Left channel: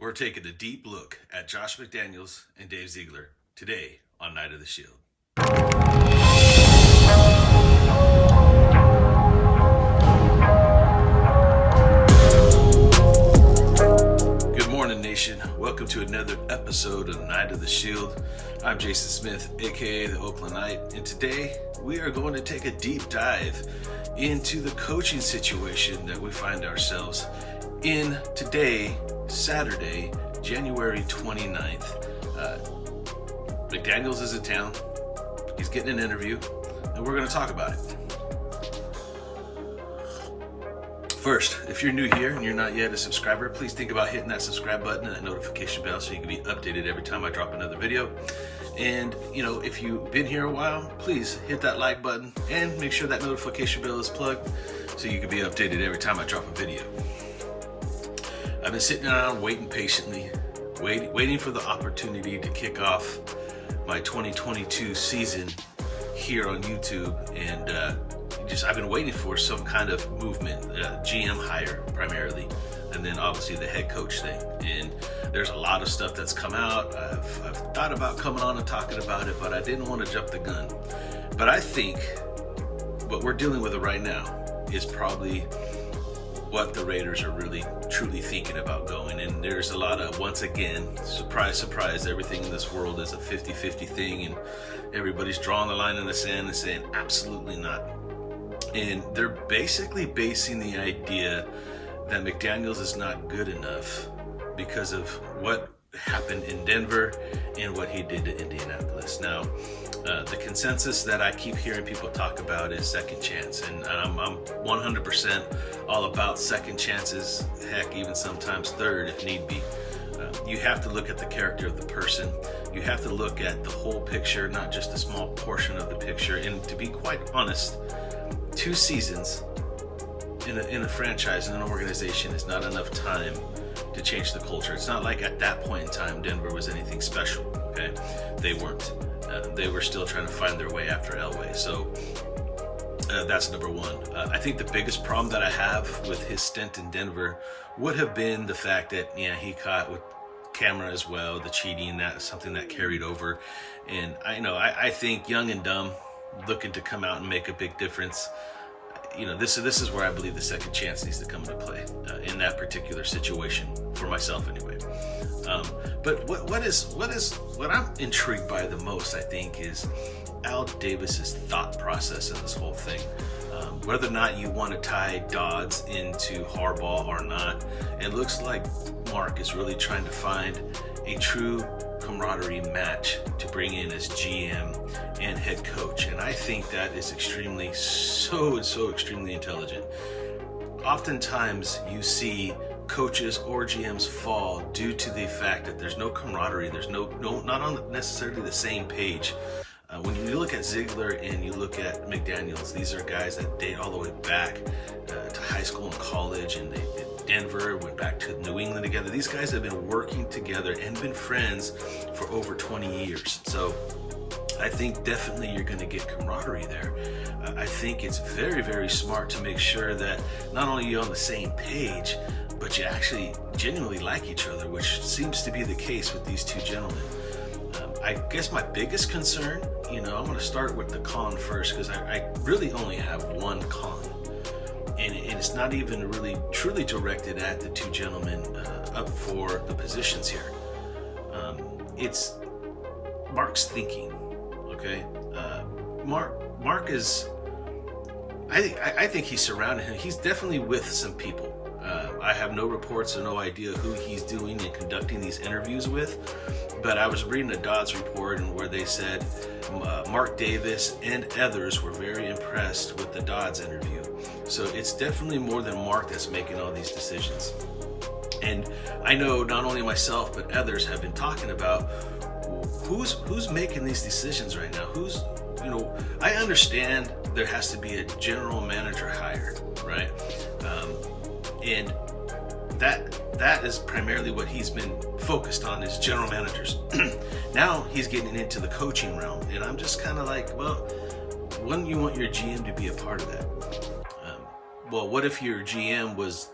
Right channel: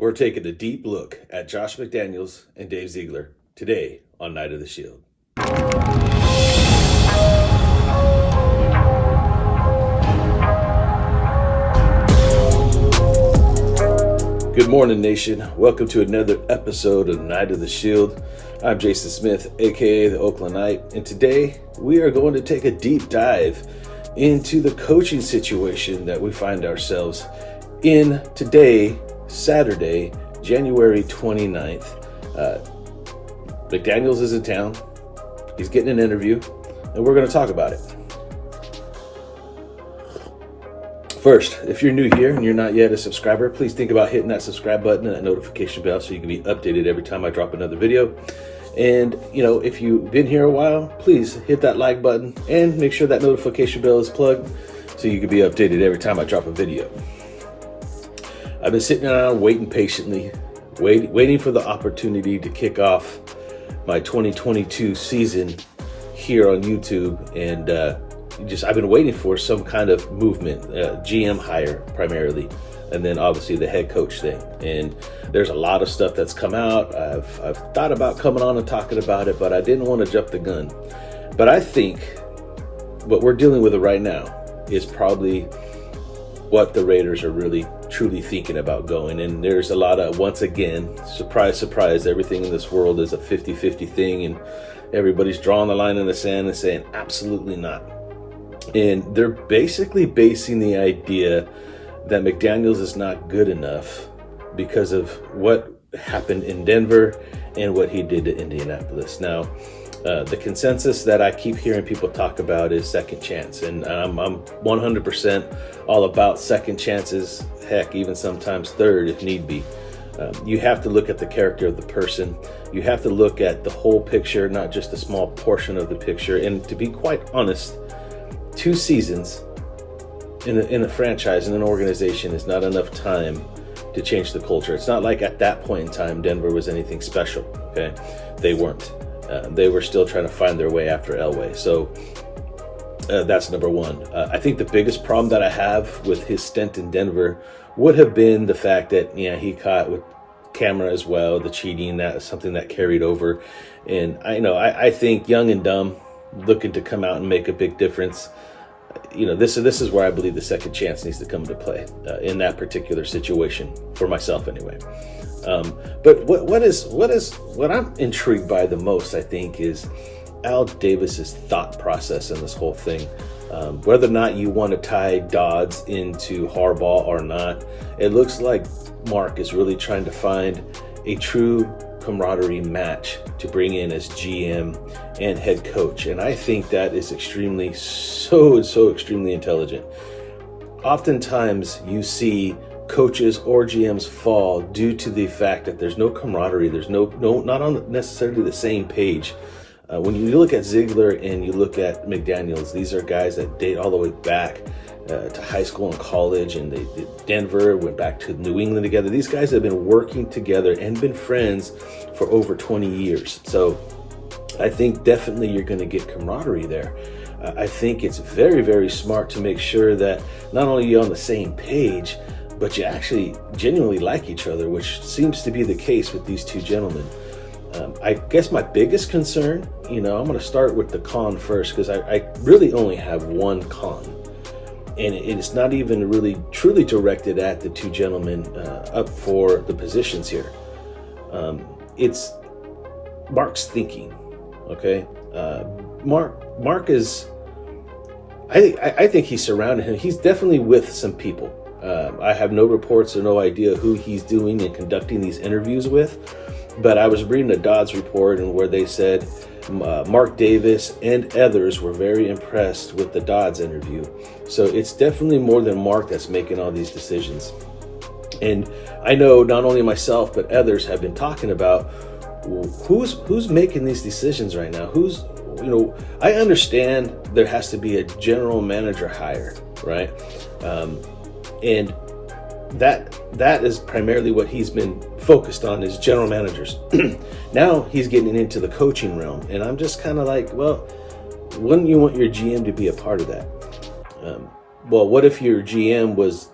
We're taking a deep look at Josh McDaniels and Dave Ziegler today on Night of the Shield. Good morning, nation. Welcome to another episode of Night of the Shield. I'm Jason Smith, aka the Oakland Knight, and today we are going to take a deep dive into the coaching situation that we find ourselves in today, Saturday, January 29th. McDaniels is in town. He's getting an interview, and we're going to talk about it. First, if you're new here and you're not yet a subscriber, please think about hitting that subscribe button and that notification bell so you can be updated every time I drop another video. And, if you've been here a while, please hit that like button and make sure that notification bell is plugged so you can be updated every time I drop a video. I've been sitting around waiting patiently, waiting for the opportunity to kick off my 2022 season here on YouTube, and I've been waiting for some kind of movement, GM hire primarily, and then obviously the head coach thing. And there's a lot of stuff that's come out. I've thought about coming on and talking about it, but I didn't want to jump the gun. But I think what we're dealing with right now is probably what the Raiders are really truly thinking about going. And there's a lot of, once again, surprise, surprise, everything in this world is a 50-50 thing, and everybody's drawing the line in the sand and saying absolutely not. And they're basically basing the idea that McDaniels is not good enough because of what happened in Denver and what he did to Indianapolis. Now, the consensus that I keep hearing people talk about is second chance, and I'm 100% all about second chances, heck, even sometimes third if need be. You have to look at the character of the person. You have to look at the whole picture, not just a small portion of the picture. And to be quite honest, 2 seasons in a franchise, in an organization, is not enough time to change the culture. It's not like at that point in time Denver was anything special, okay? They weren't. They were still trying to find their way after Elway. So that's number one. I think the biggest problem that I have with his stint in Denver would have been the fact that, he caught with camera as well, the cheating, that is something that carried over. And I think young and dumb, looking to come out and make a big difference. This is where I believe the second chance needs to come into play in that particular situation, for myself anyway. But what I'm intrigued by the most, I think, is Al Davis's thought process in this whole thing. Whether or not you want to tie Dodds into Harbaugh or not, it looks like Mark is really trying to find a true camaraderie match to bring in as GM and head coach. And I think that is extremely intelligent. Oftentimes you see coaches or GMs fall due to the fact that there's no camaraderie. There's not on necessarily the same page. When you look at Ziegler and you look at McDaniels, these are guys that date all the way back to high school and college, and they did Denver, went back to New England together. These guys have been working together and been friends for over 20 years. So I think definitely you're going to get camaraderie there. I think it's very, very smart to make sure that not only you're on the same page, but you actually genuinely like each other, which seems to be the case with these two gentlemen. I guess my biggest concern, I'm going to start with the con first, because I really only have one con. And it's not even really truly directed at the two gentlemen up for the positions here. It's Mark's thinking, okay? Mark is, I think he's surrounded him. He's definitely with some people. I have no reports or no idea who he's doing and conducting these interviews with. But I was reading a Dodds report, and where they said Mark Davis and others were very impressed with the Dodds interview. So it's definitely more than Mark that's making all these decisions. And I know not only myself, but others have been talking about who's making these decisions right now. I understand there has to be a general manager hire, right? And that is primarily what he's been focused on, is general managers. Now he's getting into the coaching realm, and I'm just kind of like, well, wouldn't you want your GM to be a part of that? Well, what if your GM was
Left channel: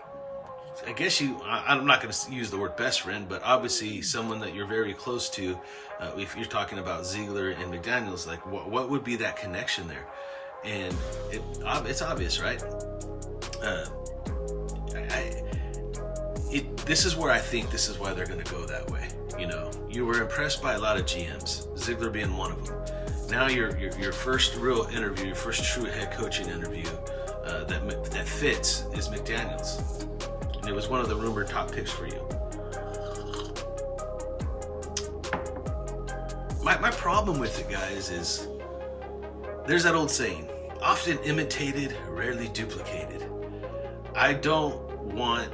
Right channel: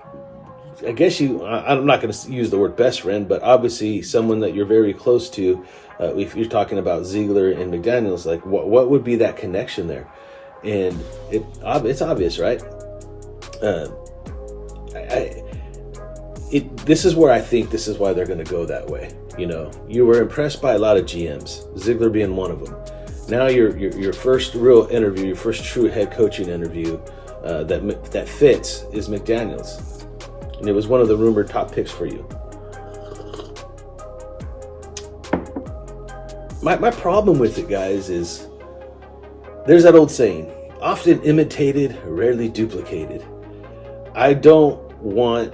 I guess I'm not going to use the word best friend, but obviously someone that you're very close to. If you're talking about Ziegler and McDaniels, like what would be that connection there? And it's obvious, right? This is where I think this is why they're going to go that way. You know, you were impressed by a lot of GMs, Ziegler being one of them. Now your first real interview, your first true head coaching interview that fits is McDaniels, and it was one of the rumored top picks for you. My problem with it, guys, is there's that old saying, often imitated, rarely duplicated. I don't want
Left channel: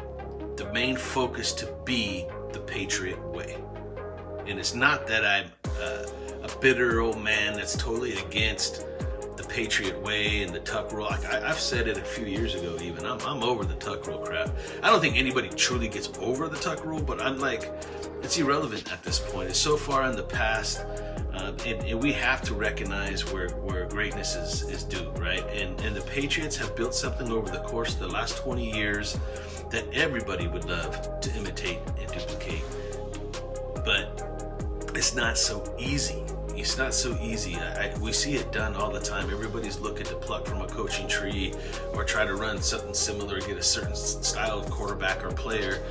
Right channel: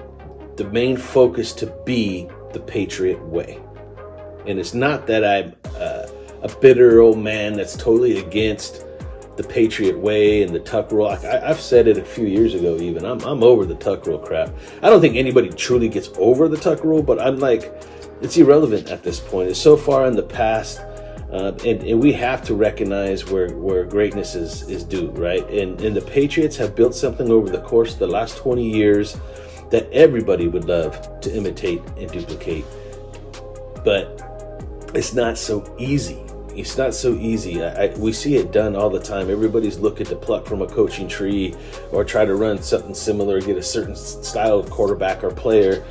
the main focus to be the Patriot way. And it's not that I'm a bitter old man that's totally against the Patriot way and the tuck rule. I've said it a few years ago even. I'm over the tuck rule crap. I don't think anybody truly gets over the tuck rule, but I'm like, it's irrelevant at this point. It's so far in the past. And we have to recognize where greatness is due, right? And the Patriots have built something over the course of the last 20 years that everybody would love to imitate and duplicate. But it's not so easy. It's not so easy. We see it done all the time. Everybody's looking to pluck from a coaching tree or try to run something similar, get a certain style of quarterback or player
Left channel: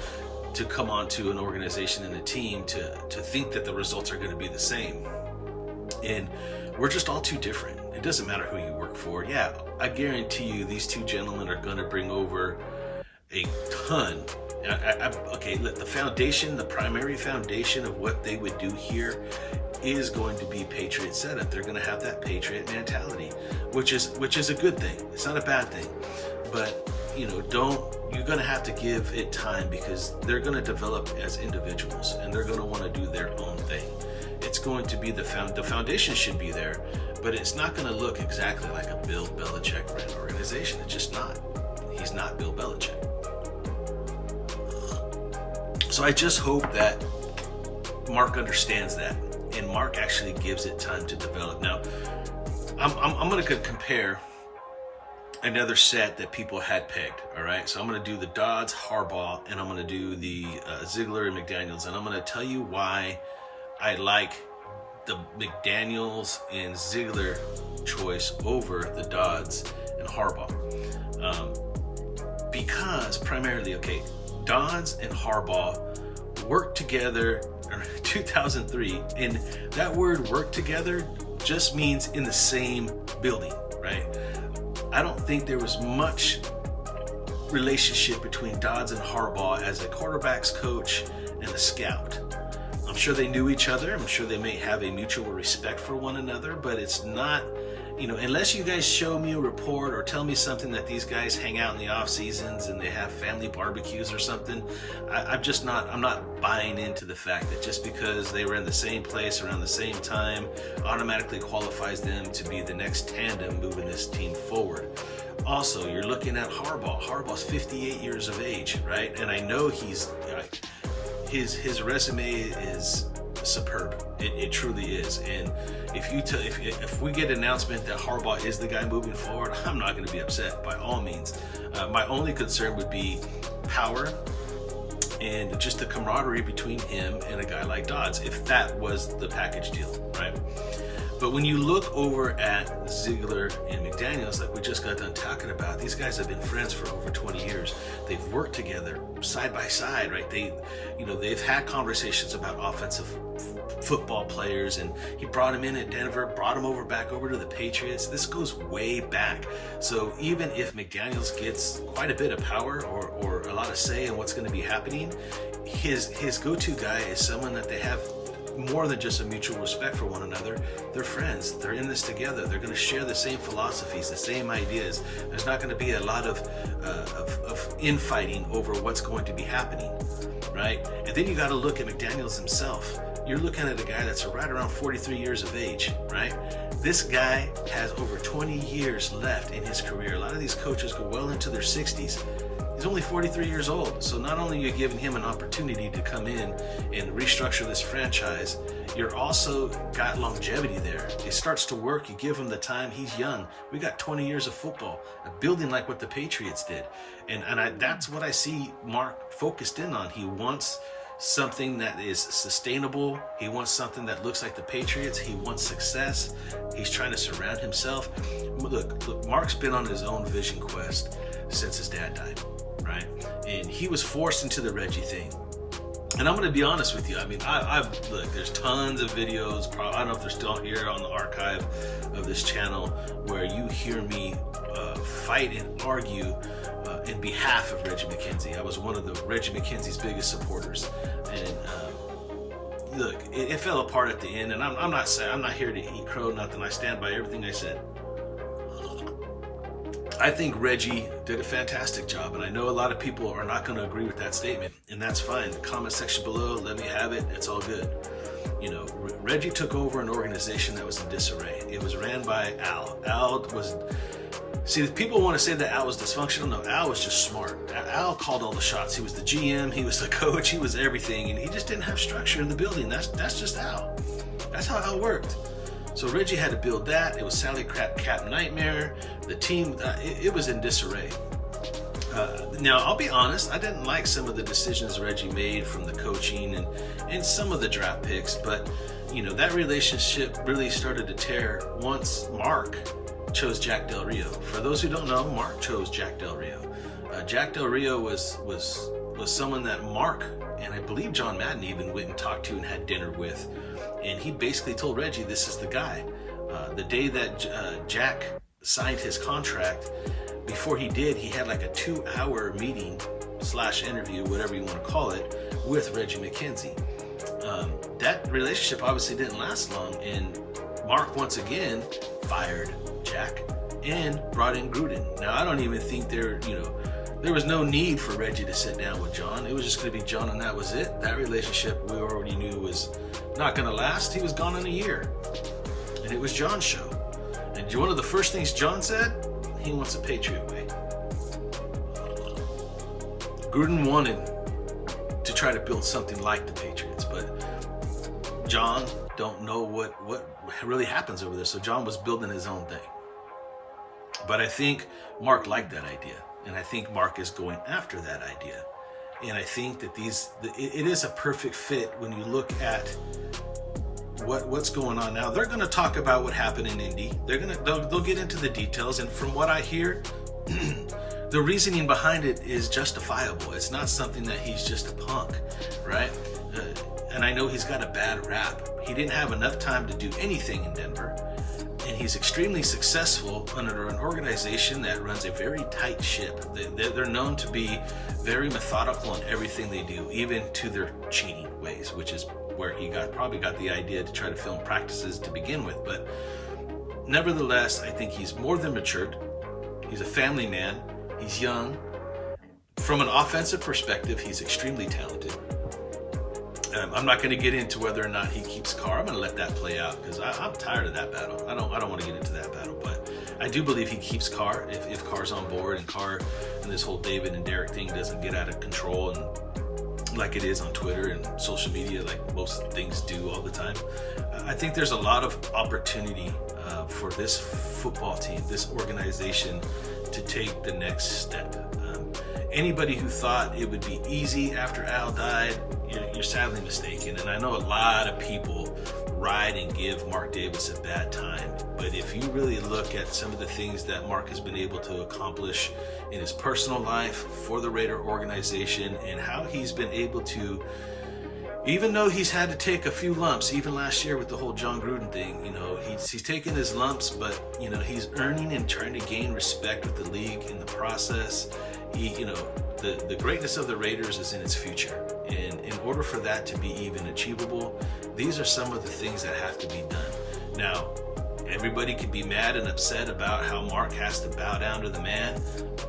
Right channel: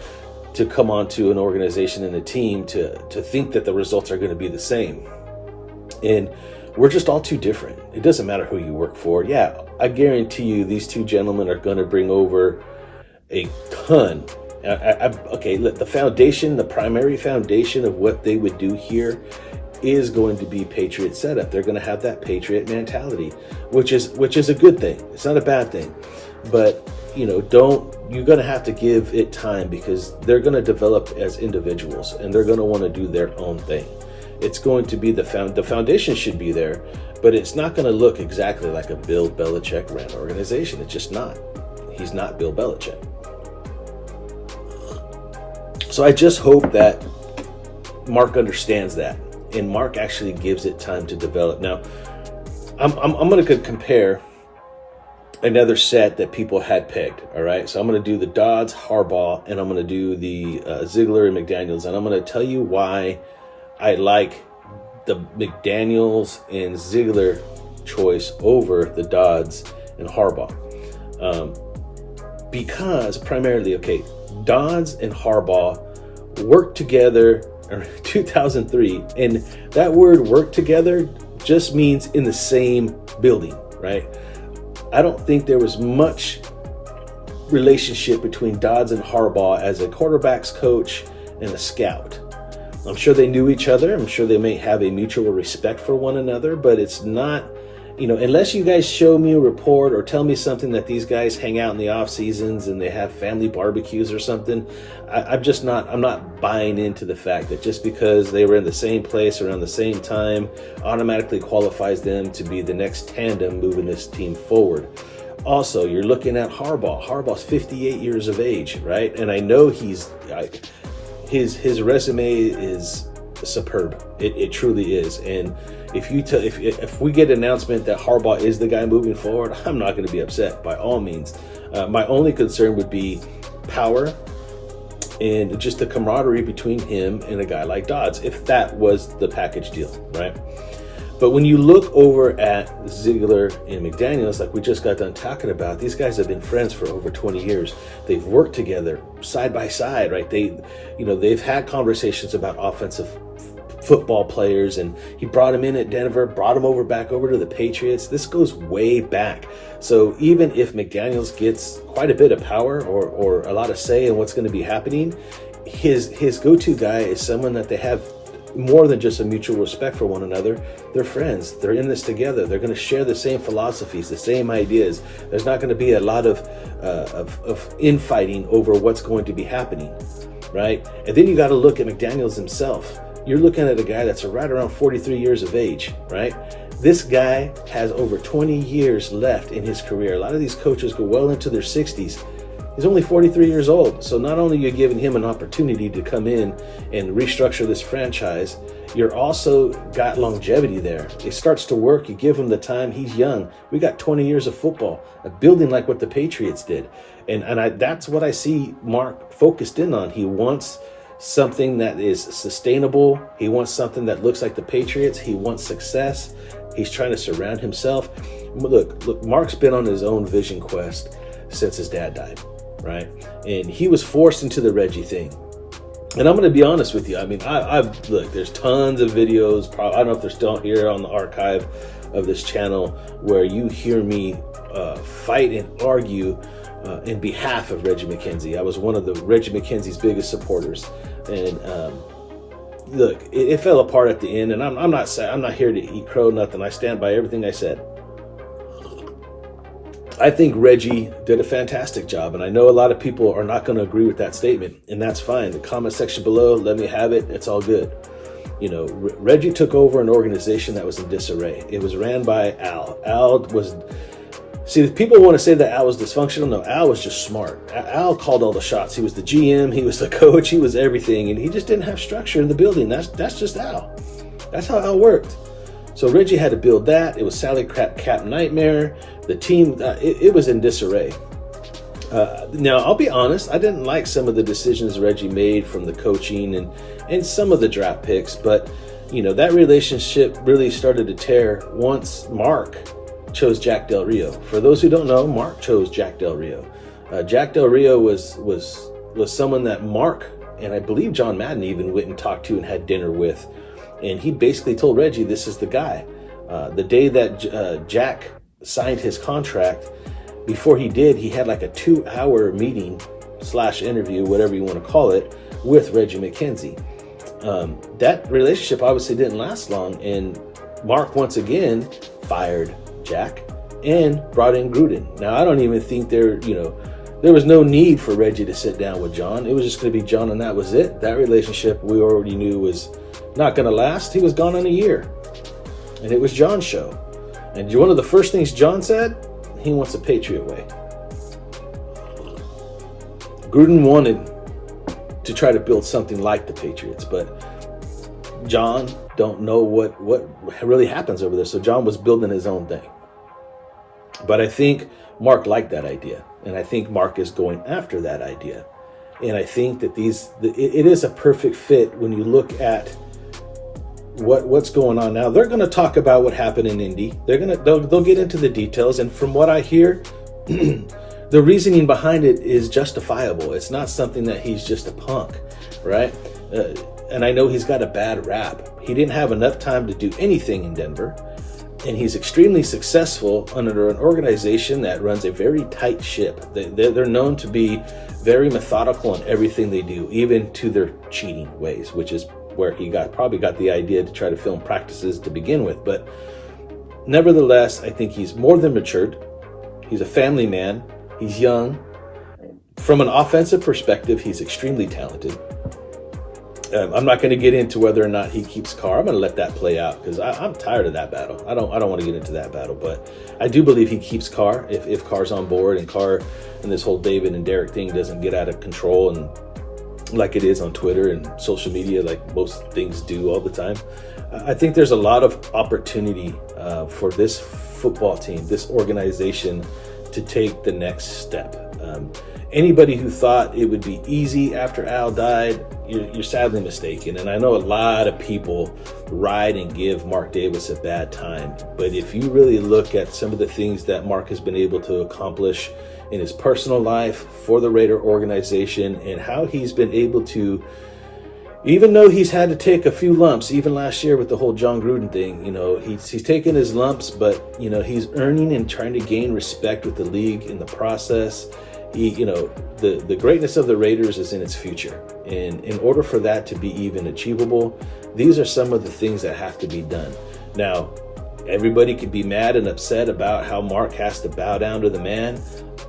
to come onto an organization and a team to think that the results are going to be the same. And we're just all too different. It doesn't matter who you work for. Yeah, I guarantee you these two gentlemen are going to bring over a ton. Okay, the foundation, the primary foundation of what they would do here is going to be Patriot setup. They're going to have that Patriot mentality, which is a good thing. It's not a bad thing. But, you know, you're going to have to give it time because they're going to develop as individuals and they're going to want to do their own thing. It's going to be the foundation should be there, but it's not going to look exactly like a Bill Belichick ran organization. It's just not. He's not Bill Belichick. So I just hope that Mark understands that, and Mark actually gives it time to develop. Now, I'm going to compare another set that people had pegged. All right, so I'm going to do the Dodds, Harbaugh, and I'm going to do the Ziegler and McDaniels, and I'm going to tell you why I like the McDaniels and Ziegler choice over the Dodds and Harbaugh. Because primarily, okay, Dodds and Harbaugh worked together in 2003, and that word work together just means in the same building, right? I don't think there was much relationship between Dodds and Harbaugh as a quarterback's coach and a scout. I'm sure they knew each other. I'm sure they may have a mutual respect for one another, but it's not, you know, unless you guys show me a report or tell me something that these guys hang out in the off seasons and they have family barbecues or something, I'm not buying into the fact that just because they were in the same place around the same time automatically qualifies them to be the next tandem moving this team forward. Also, you're looking at Harbaugh. Harbaugh's 58 years of age, right? And I know his resume is superb. It truly is. And if we get an announcement that Harbaugh is the guy moving forward, I'm not going to be upset by all means. My only concern would be power and just the camaraderie between him and a guy like Dodds, if that was the package deal, right? But when you look over at Ziegler and McDaniels, like we just got done talking about, these guys have been friends for over 20 years. They've worked together side by side, right? They've had conversations about offensive football players, and he brought him in at Denver, brought him back over to the Patriots. This goes way back. So even if McDaniels gets quite a bit of power or a lot of say in what's going to be happening, his go-to guy is someone that they have more than just a mutual respect for one another. They're friends. They're in this together. They're going to share the same philosophies, the same ideas. There's not going to be a lot of infighting over what's going to be happening, right? And then you got to look at McDaniels himself. You're looking at a guy that's right around 43 years of age, right? This guy has over 20 years left in his career. A lot of these coaches go well into their 60s. He's only 43 years old. So not only are you giving him an opportunity to come in and restructure this franchise, you're also got longevity there. It starts to work. You give him the time. He's young. We got 20 years of football, a building like what the Patriots did. That's what I see Mark focused in on. He wants something that is sustainable. He wants something that looks like the Patriots. He wants success. He's trying to surround himself. Look, Mark's been on his own vision quest since his dad died, right? And he was forced into the Reggie thing. And I'm going to be honest with you. I mean, look, there's tons of videos. I don't know if they're still here on the archive of this channel where you hear me fight and argue in behalf of Reggie McKenzie. I was one of the Reggie McKenzie's biggest supporters. And look, it fell apart at the end. And I'm not here to eat crow, nothing. I stand by everything I said. I think Reggie did a fantastic job, and I know a lot of people are not going to agree with that statement, and that's fine. The comment section below, let me have it. It's all good. You know, Reggie took over an organization that was in disarray. It was ran by Al. See, people want to say that Al was dysfunctional. No, Al was just smart. Al called all the shots. He was the GM, he was the coach, he was everything, and he just didn't have structure in the building. That's just Al. That's how Al worked. So Reggie had to build that. It was salary cap nightmare. The team, it was in disarray. Now, I'll be honest, I didn't like some of the decisions Reggie made from the coaching and some of the draft picks, but, you know, that relationship really started to tear once Mark chose Jack Del Rio. For those who don't know, Mark chose Jack Del Rio. Jack Del Rio was someone that Mark, and I believe John Madden even went and talked to and had dinner with. And he basically told Reggie, this is the guy. The day that Jack signed his contract, before he did, he had like a 2-hour meeting / interview, whatever you want to call it, with Reggie McKenzie. That relationship obviously didn't last long, and Mark once again fired Jack and brought in Gruden. Now, I don't even think there was no need for Reggie to sit down with John. It was just going to be John, and that was it. That relationship we already knew was not going to last. He was gone in a year, and it was John's show. And one of the first things John said, he wants a Patriot way. Gruden wanted to try to build something like the Patriots, but John don't know what really happens over there. So John was building his own thing. But I think Mark liked that idea, and I think Mark is going after that idea. And I think that it is a perfect fit when you look at what's going on now. They're going to talk about what happened in Indy. They'll get into the details, and from what I hear, the reasoning behind it is justifiable. It's not something that he's just a punk, right? And I know he's got a bad rap. He didn't have enough time to do anything in Denver, and he's extremely successful under an organization that runs a very tight ship. They're known to be very methodical in everything they do, even to their cheating ways, which is where he probably got the idea to try to film practices to begin with. But nevertheless, I think he's more than matured. He's a family man. He's young. From an offensive perspective, he's extremely talented. I'm not going to get into whether or not he keeps Carr. I'm going to let that play out because I'm tired of that battle. I don't want to get into that battle, but I do believe he keeps Carr if Carr's on board, and Carr and this whole David and Derek thing doesn't get out of control and like it is on Twitter and social media, like most things do all the time. I think there's a lot of opportunity for this football team, this organization, to take the next step. Anybody who thought it would be easy after Al died, you're sadly mistaken. And I know a lot of people ride and give Mark Davis a bad time. But if you really look at some of the things that Mark has been able to accomplish in his personal life for the Raider organization, and how he's been able to, even though he's had to take a few lumps, even last year with the whole John Gruden thing, he's taken his lumps, but, he's earning and trying to gain respect with the league in the process. The greatness of the Raiders is in its future. And in order for that to be even achievable, these are some of the things that have to be done. Now, everybody could be mad and upset about how Mark has to bow down to the man,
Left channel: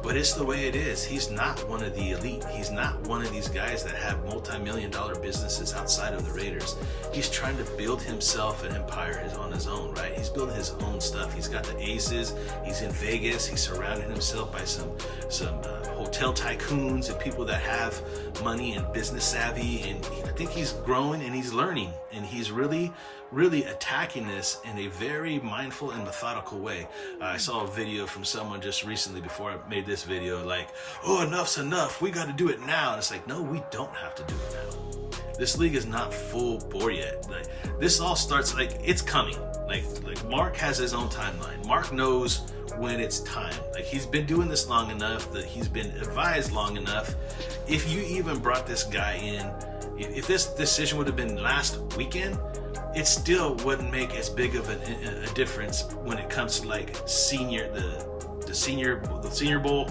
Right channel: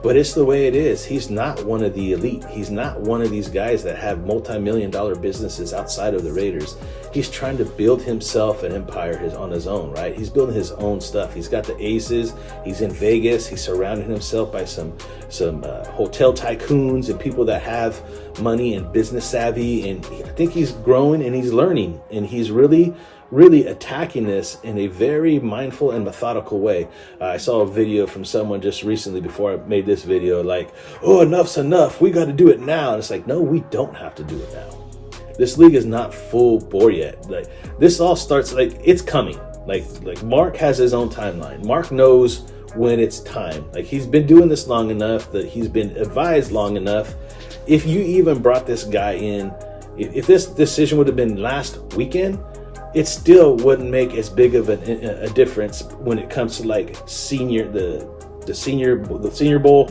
but it's the way it is. He's not one of the elite. He's not one of these guys that have multi-million-dollar businesses outside of the Raiders. He's trying to build himself an empire on his own, right? He's building his own stuff. He's got the aces. He's in Vegas. He's surrounding himself by some hotel tycoons and people that have money and business savvy. And I think he's growing and he's learning. And he's really really attacking this in a very mindful and methodical way. I saw a video from someone just recently before I made this video, like, oh, enough's enough. We got to do it now. And it's like, no, we don't have to do it now. This league is not full bore yet. Like, this all starts, like, it's coming. Like Mark has his own timeline. Mark knows when it's time. Like, he's been doing this long enough, that he's been advised long enough. If you even brought this guy in, if this decision would have been last weekend, it still wouldn't make as big of a difference when it comes to like the senior bowl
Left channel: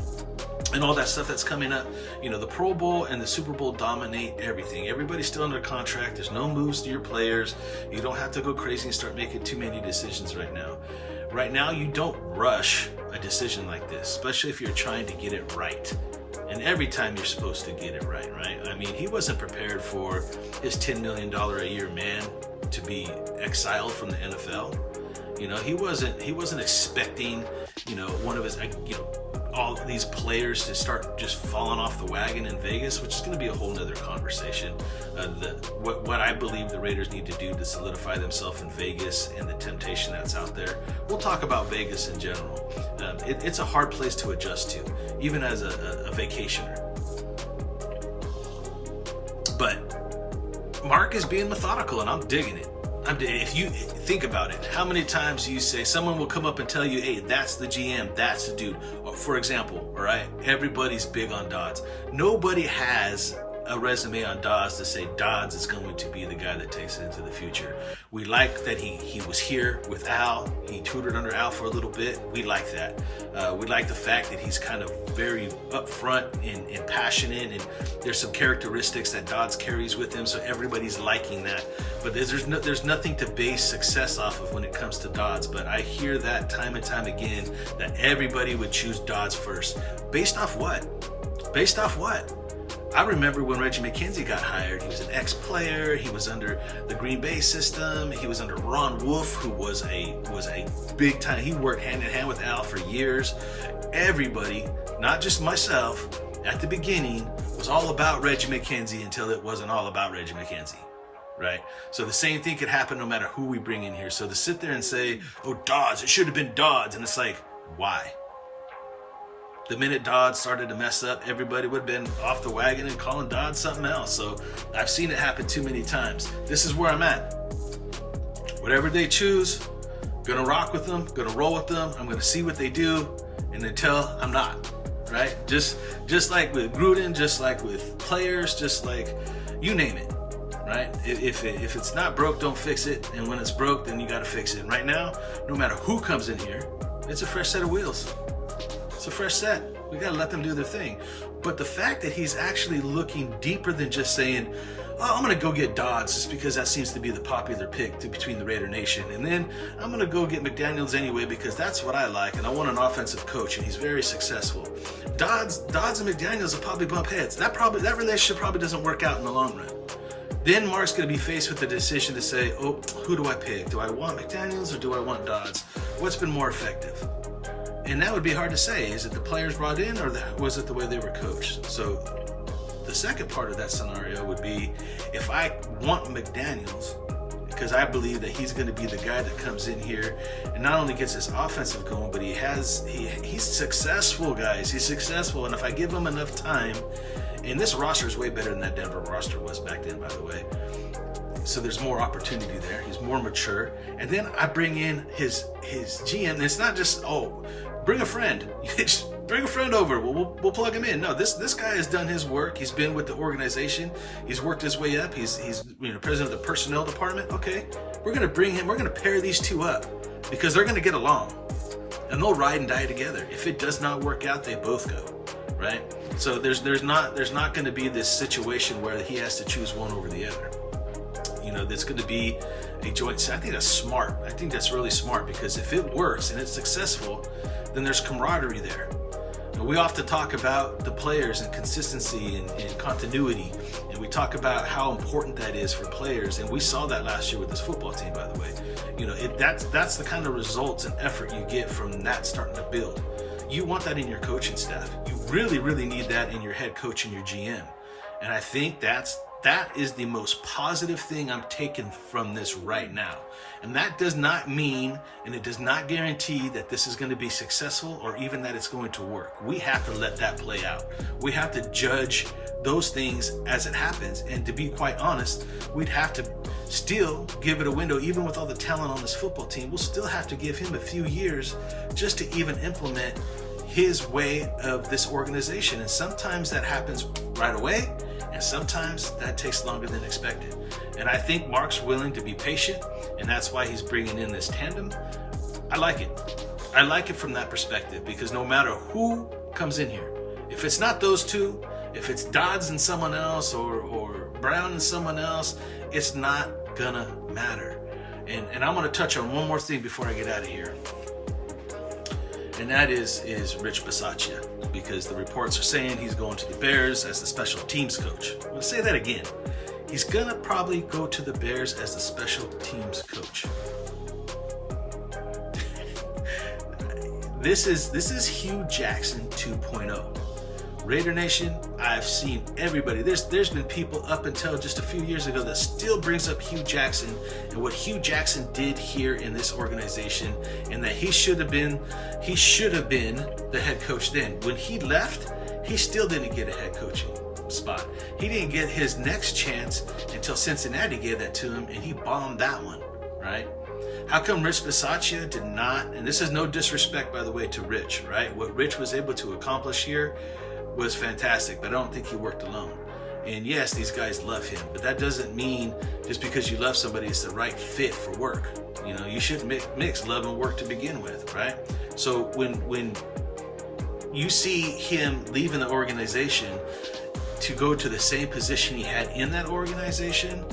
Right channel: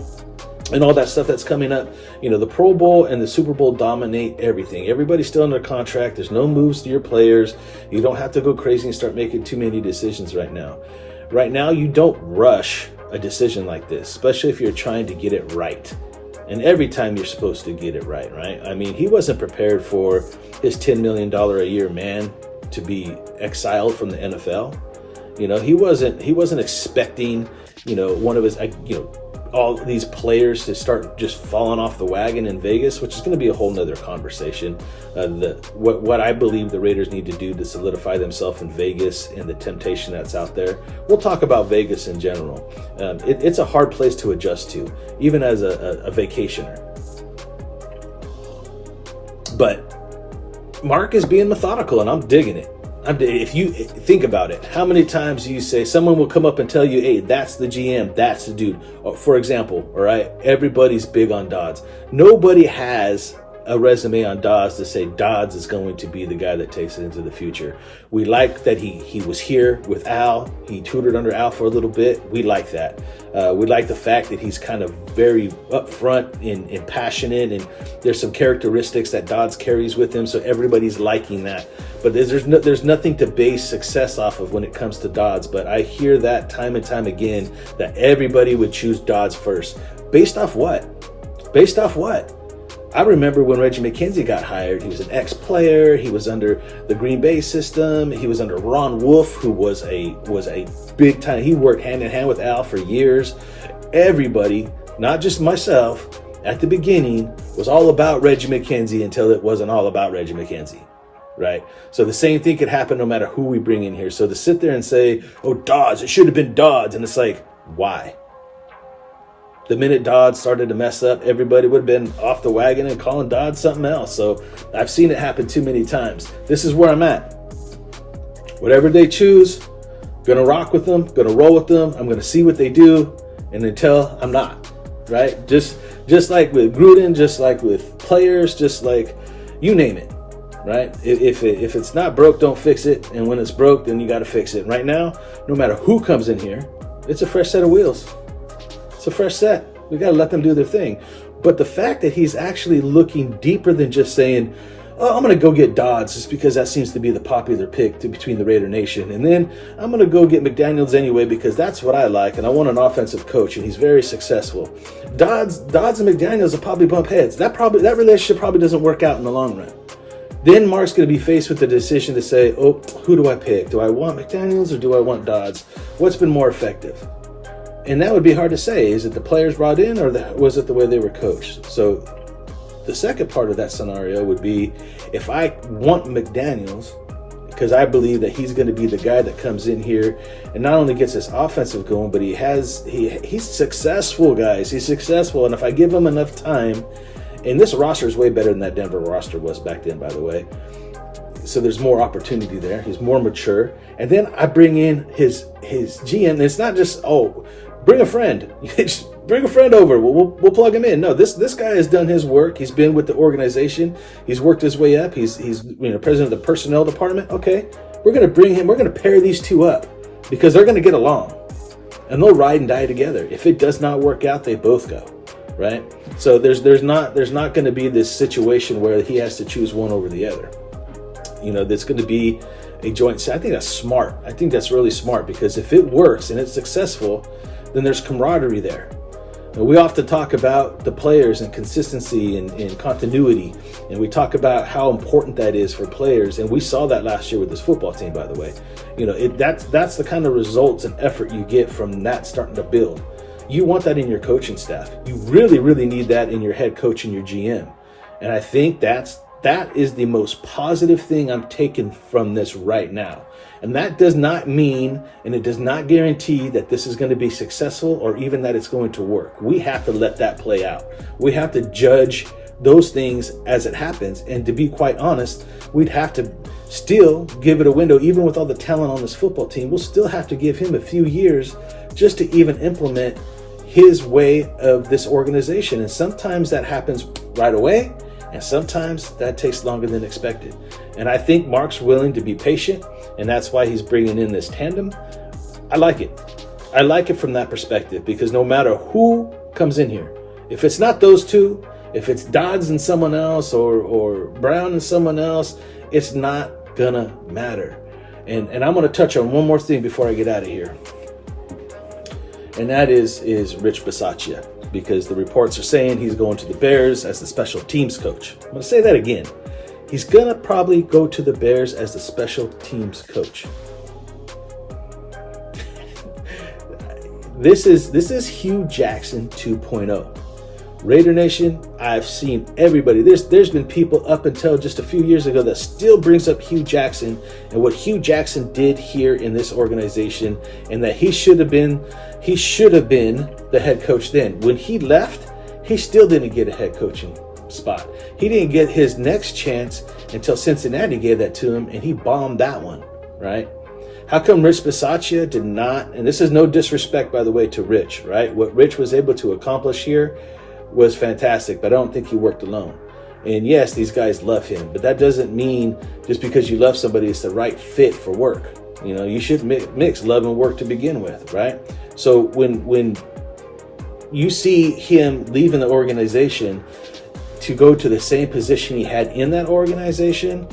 and all that stuff that's coming up. You know, the Pro Bowl and the Super Bowl dominate everything. Everybody's still under contract. There's no moves to your players. You don't have to go crazy and start making too many decisions right now. Right now, you don't rush a decision like this, especially if you're trying to get it right. And every time you're supposed to get it right, right? I mean, he wasn't prepared for his $10 million a year man to be exiled from the NFL. You know, he wasn't expecting, you know, one of his, you know, all these players to start just falling off the wagon in Vegas, which is going to be a whole nother conversation. What I believe the Raiders need to do to solidify themselves in Vegas and the temptation that's out there. We'll talk about Vegas in general. It's a hard place to adjust to, even as a vacationer. But Mark is being methodical, and I'm digging it. If you think about it, how many times do you say someone will come up and tell you, hey, that's the GM, that's the dude. For example, all right, everybody's big on Dodds. Nobody has a resume on Dodds to say Dodds is going to be the guy that takes it into the future. We like that he was here with Al. He tutored under Al for a little bit. We like that. We like the fact that he's kind of very upfront and passionate, and there's some characteristics that Dodds carries with him, so everybody's liking that. But there's nothing to base success off of when it comes to Dodds. But I hear that time and time again, that everybody would choose Dodds first. Based off what? Based off what? I remember when Reggie McKenzie got hired. He was an ex-player. He was under the Green Bay system. He was under Ron Wolf, who was a big time. He worked hand in hand with Al for years. Everybody, not just myself, at the beginning was all about Reggie McKenzie until it wasn't all about Reggie McKenzie, right? So the same thing could happen no matter who we bring in here. So to sit there and say, oh, Dodds, it should have been Dodds, and it's like, why? The minute Dodds started to mess up, everybody would have been off the wagon and calling Dodds something else. So I've seen it happen too many times. This is where I'm at. Whatever they choose, gonna rock with them, gonna roll with them. I'm gonna see what they do, and until I'm not, right? Just like with Gruden, just like with players, just like you name it, right? If it's not broke, don't fix it. And when it's broke, then you got to fix it. Right now, no matter who comes in here, it's a fresh set of wheels. It's a fresh set. We got to let them do their thing. But the fact that he's actually looking deeper than just saying, oh, I'm going to go get Dodds just because that seems to be the popular pick between the Raider Nation. And then I'm going to go get McDaniels anyway because that's what I like, and I want an offensive coach, and he's very successful. Dodds and McDaniels will probably bump heads. That relationship probably doesn't work out in the long run. Then Mark's going to be faced with the decision to say, oh, who do I pick? Do I want McDaniels or do I want Dodds? What's been more effective? And that would be hard to say. Is it the players brought in, or was it the way they were coached? So the second part of that scenario would be, if I want McDaniels, because I believe that he's going to be the guy that comes in here and not only gets this offensive going, but he's successful, guys. He's successful. And if I give him enough time, and this roster is way better than that Denver roster was back then, by the way. So there's more opportunity there. He's more mature. And then I bring in his GM. And it's not just, oh, bring a friend. Just bring a friend over. We'll plug him in. No, this guy has done his work. He's been with the organization. He's worked his way up. He's president of the personnel department. Okay, we're gonna bring him. We're gonna pair these two up because they're gonna get along, and they'll ride and die together. If it does not work out, they both go, right? So there's not going to be this situation where he has to choose one over the other. There's going to be a joint. So I think that's smart. I think that's really smart, because if it works and it's successful, then there's camaraderie there. We often talk about the players and consistency and continuity, and we talk about how important that is for players. And we saw that last year with this football team, by the way. That's the kind of results and effort you get from that starting to build. You want that in your coaching staff. You really, really need that in your head coach and your GM. And I think that's That is the most positive thing I'm taking from this right now. And that does not mean, and it does not guarantee that this is going to be successful or even that it's going to work. We have to let that play out. We have to judge those things as it happens. And to be quite honest, we'd have to still give it a window. Even with all the talent on this football team, we'll still have to give him a few years just to even implement his way of this organization. And sometimes that happens right away, and sometimes that takes longer than expected. And I think Mark's willing to be patient, and that's why he's bringing in this tandem. I like it. I like it from that perspective, because no matter who comes in here, if it's not those two, if it's Dodds and someone else or Brown and someone else, it's not gonna matter. And I'm gonna touch on one more thing before I get out of here. And that is Rich Bisaccia, because the reports are saying he's going to the Bears as the special teams coach. I'm going to say that again. He's going to probably go to the Bears as the special teams coach. This is Hugh Jackson 2.0. Raider Nation, I've seen everybody. There's been people up until just a few years ago that still brings up Hugh Jackson and what Hugh Jackson did here in this organization, and that he should have been the head coach then. When he left, he still didn't get a head coaching spot. He didn't get his next chance until Cincinnati gave that to him, and he bombed that one, right? How come Rich Bisaccia did not, and this is no disrespect, by the way, to Rich, right? What Rich was able to accomplish here was fantastic, but I don't think he worked alone. And yes, these guys love him, but that doesn't mean just because you love somebody, it's the right fit for work. You know, you should mix love and work to begin with, right? So when you see him leaving the organization to go to the same position he had in that organization,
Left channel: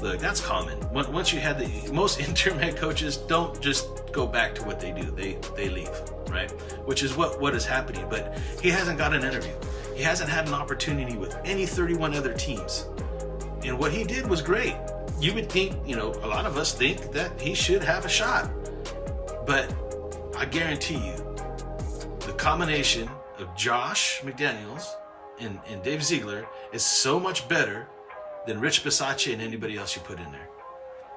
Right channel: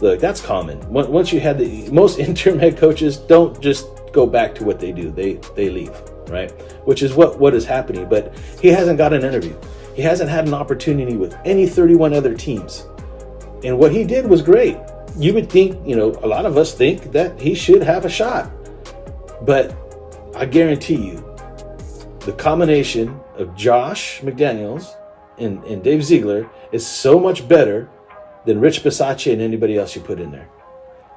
look, that's common. Once you had most interim head coaches don't just go back to what they do. They leave, right? Which is what is happening. But he hasn't got an interview. He hasn't had an opportunity with any 31 other teams. And what he did was great. You would think, a lot of us think that he should have a shot. But I guarantee you, the combination of Josh McDaniels and Dave Ziegler is so much better than Rich Bisaccia and anybody else you put in there.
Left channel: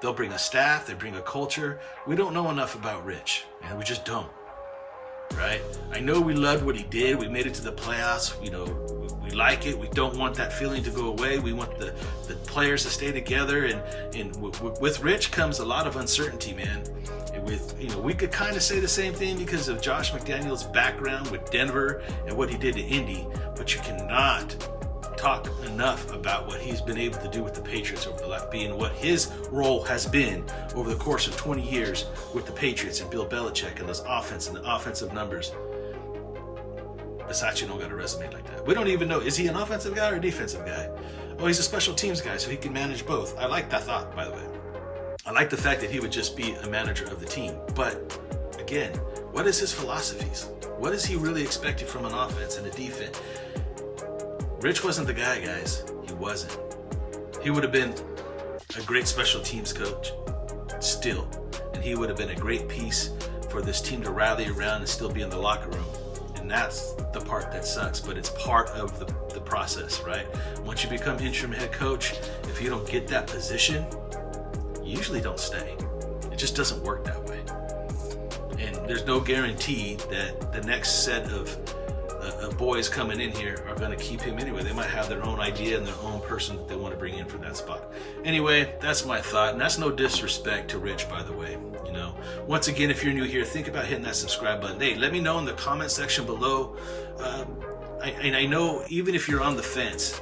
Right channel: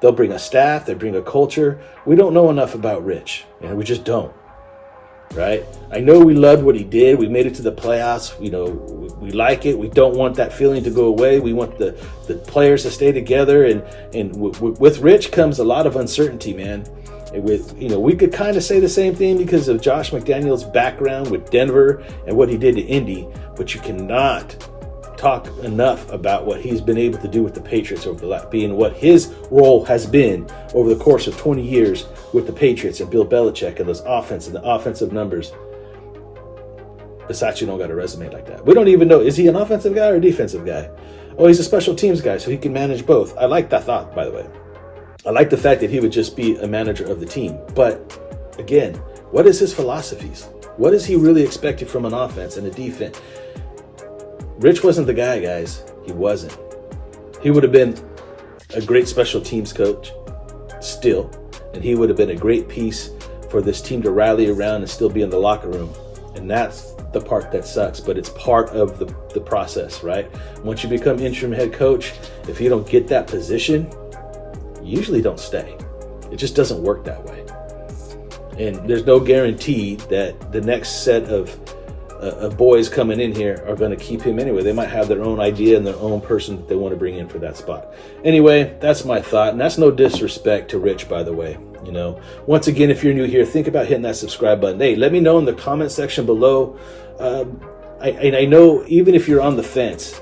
They'll bring a staff, they bring a culture. We don't know enough about Rich, and we just don't, right? I know we loved what he did. We made it to the playoffs. We like it. We don't want that feeling to go away. We want the players to stay together. And with Rich comes a lot of uncertainty, man. We could kind of say the same thing because of Josh McDaniels' background with Denver and what he did to Indy, but you cannot talk enough about what he's been able to do with the Patriots over the last, being what his role has been over the course of 20 years with the Patriots and Bill Belichick and those offense and the offensive numbers. Bisaccia don't got a resume like that. We don't even know, is he an offensive guy or a defensive guy? Oh, he's a special teams guy, so he can manage both. I like that thought, by the way. I like the fact that he would just be a manager of the team. But again, what is his philosophies? What is he really expected from an offense and a defense? Rich wasn't the guy, guys. He wasn't. He would have been a great special teams coach still, and he would have been a great piece for this team to rally around and still be in the locker room. And that's the part that sucks, but it's part of the process, right? Once you become interim head coach, if you don't get that position, you usually don't stay. It just doesn't work that way. And there's no guarantee that the next set of boys coming in here are going to keep him anyway. They might have their own idea and their own person that they want to bring in for that spot. Anyway, that's my thought, and that's no disrespect to Rich, by the way. Once again, if you're new here, think about hitting that subscribe button. Hey, let me know in the comment section below. I know even if you're on the fence,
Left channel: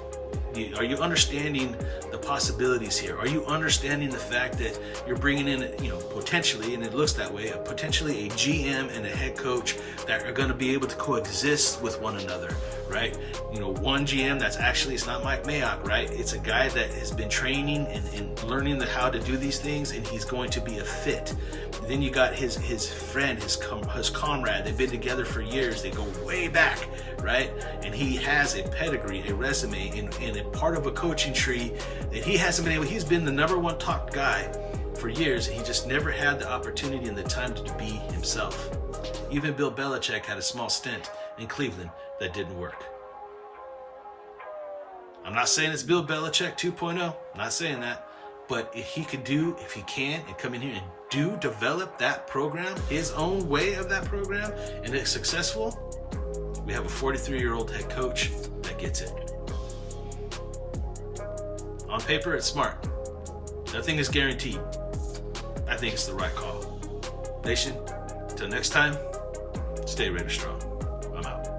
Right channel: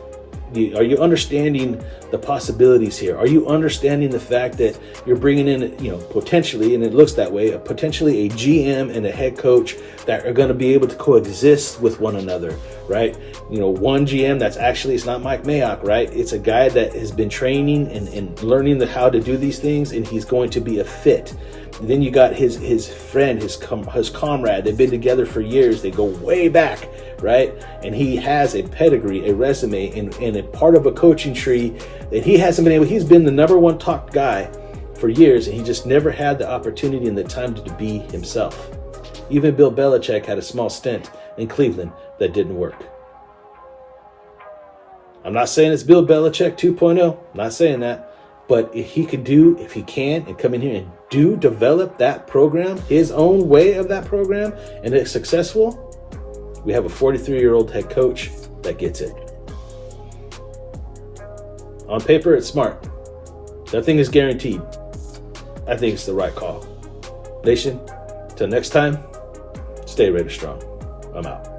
are you understanding the possibilities here? Are you understanding the fact that you're bringing in, potentially, and it looks that way, potentially a GM and a head coach that are going to be able to coexist with one another, right? One GM that's actually, it's not Mike Mayock, right? It's a guy that has been training and learning how to do these things, and he's going to be a fit. And then you got his friend, his comrade. They've been together for years. They go way back, right? And he has a pedigree, a resume, and a part of a coaching tree that he hasn't been able. He's been the number one talked guy for years, and he just never had the opportunity and the time to be himself. Even Bill Belichick had a small stint in Cleveland that didn't work. I'm not saying it's Bill Belichick 2.0. I'm not saying that. But if he can, and come in here and develop that program, his own way of that program, and it's successful, we have a 43-year-old head coach that gets it. On paper, it's smart. Nothing is guaranteed. I think it's the right call. Nation, till next time, stay ready strong. I'm out.